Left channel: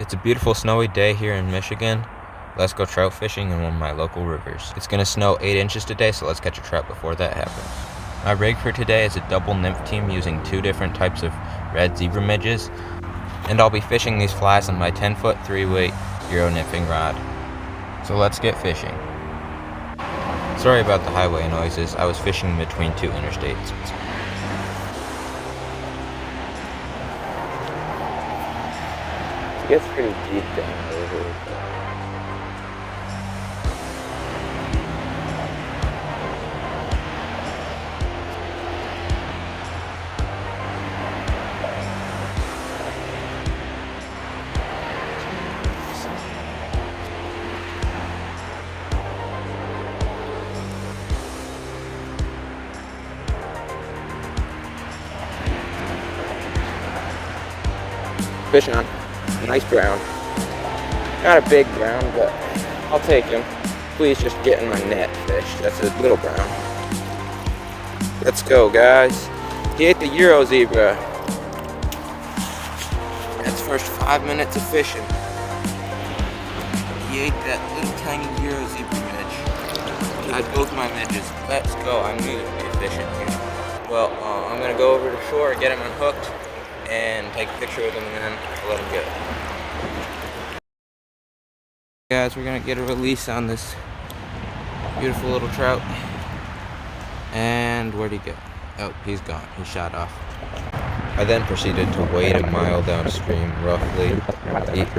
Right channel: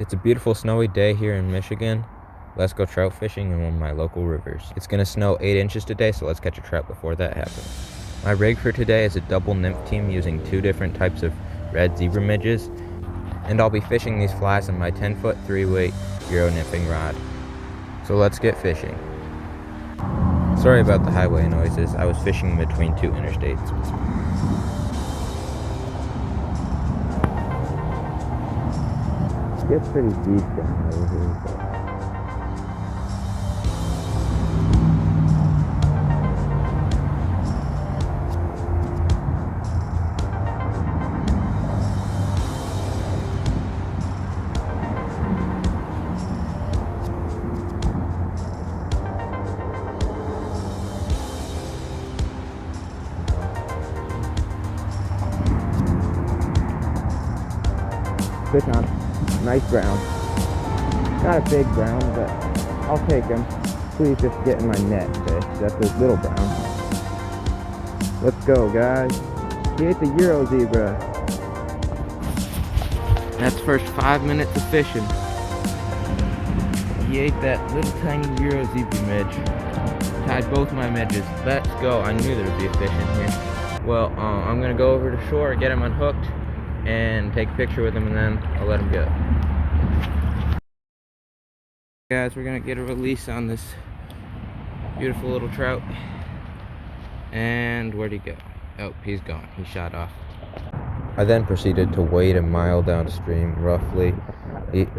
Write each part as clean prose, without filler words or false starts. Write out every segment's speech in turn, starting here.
It's a beautiful snowy day here in Michigan. Let's go trout fishing in one of my local rivers. It's gonna snow 8 inches today, so let's catch a trout before that happens. My rig for today is a double nymph team using 2 different types of red zebra midges, and I'll be fishing these flies on my 10-foot 3-weight Euro nymphing rod. So let's get fishing. Sorry about the highway noises, I was fishing between 2 interstates. It gets pretty deep down here. Fish on. Nice brown. Not a big brown, but I'll take him. Please just get in my net, fish. That's a little brown. Let's go, guys. He ate the Euro zebra. That's first 5 minutes of fishing. He ate that little tiny Euro zebra midge. Tied both my midges. Let's go. I knew there'd be a fish in here. Well, I'm gonna go over to shore, get him unhooked, and take a picture with him, and then I'll let him go. Guys, we're gonna get a release on this beautiful little trout. And where'd he go? Oh, he's gone. He shot off. I then proceeded to wade a mile downstream roughly,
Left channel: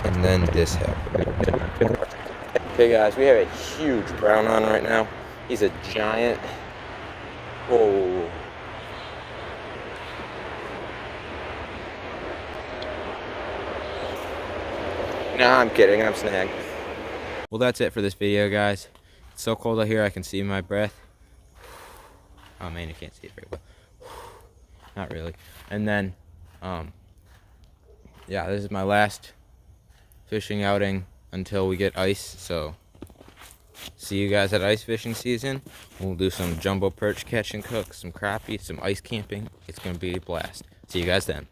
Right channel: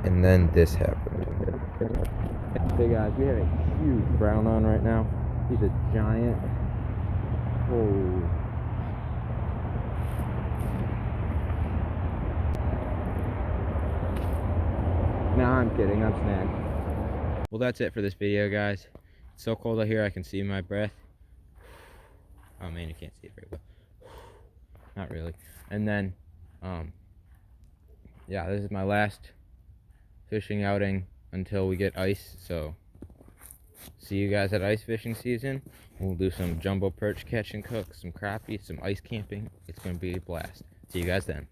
and then this happened. Okay guys, we have a huge brown on right now. He's a giant. Oh. Nah, I'm kidding, I'm snagged. Well, that's it for this video, guys. It's so cold out here, I can see my breath. Oh man, you can't see it very well. Not really. And then, yeah, this is my last fishing outing until we get ice, so see you guys at ice fishing season. We'll do some jumbo perch catch and cook, some crappie, some ice camping. It's gonna be a blast. See you guys then.